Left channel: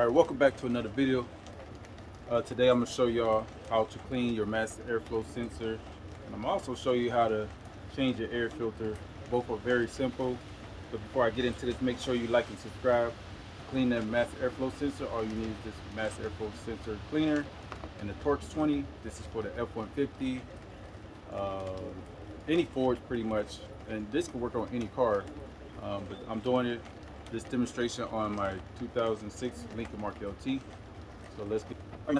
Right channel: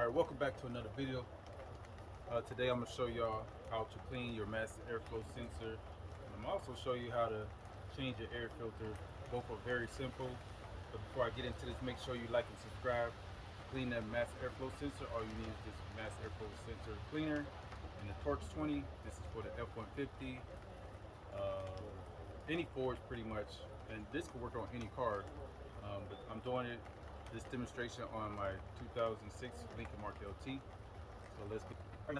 Alright, welcome back to another video. Today I'm going to show y'all how to clean your master airflow sensor. And I'm also show you how to change your air filter. Both are very simple. But before I get into this, make sure you like and subscribe. To clean that master airflow sensor, all you need is this master airflow sensor cleaner and the Torx 20. This is for the F-150. Any Ford pretty much. And this can work on any car. But I'm doing this demonstration on my 2006 Lincoln Mark LT. So let's get. All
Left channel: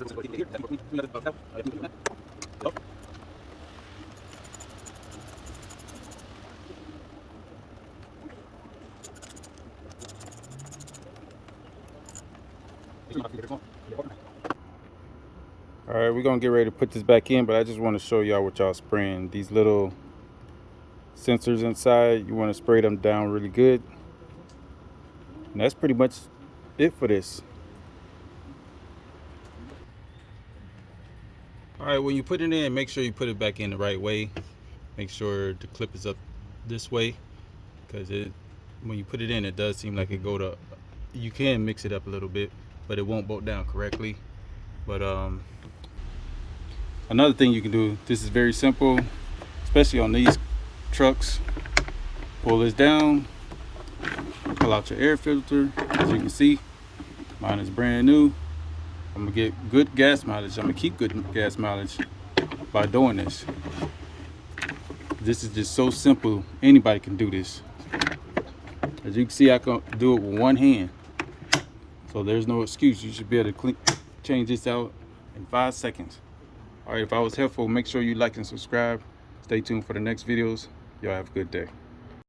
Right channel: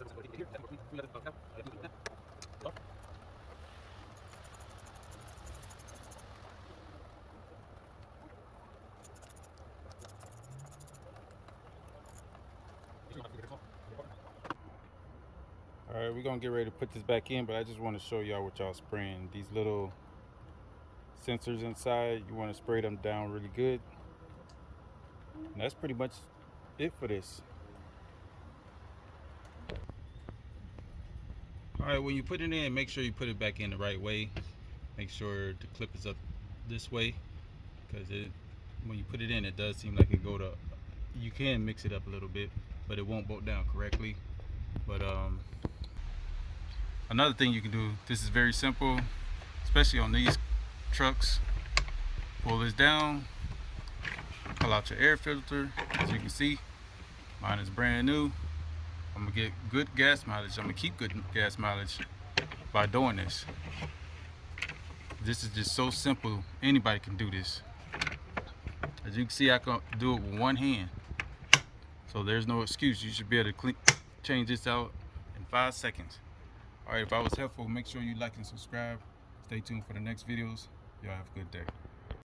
right, we're gonna get ready to put this back in, but I just want to show y'all what y'all spraying. These little sensors inside, you want to spray them down really good. And that's pretty much it for this. All right, when you put it in, make sure you put it back in the right way. Make sure the clip is up this way, because when you put it in, it does seem like it go to, you can mix it up a little bit, but it won't bolt down correctly. But another thing you can do, this is very simple, especially on these trucks. Pull this down, pull out your air filter. As you can see, mine is brand new. I'm gonna get good gas mileage. I'm gonna keep good gas mileage by doing this. This is just so simple, anybody can do this. As you can see, I can do it with one hand, so there's no excuse. You should be able to change this out in 5 seconds. All right, if I was helpful, make sure you like and subscribe. Stay tuned for the next videos. Y'all have a good day.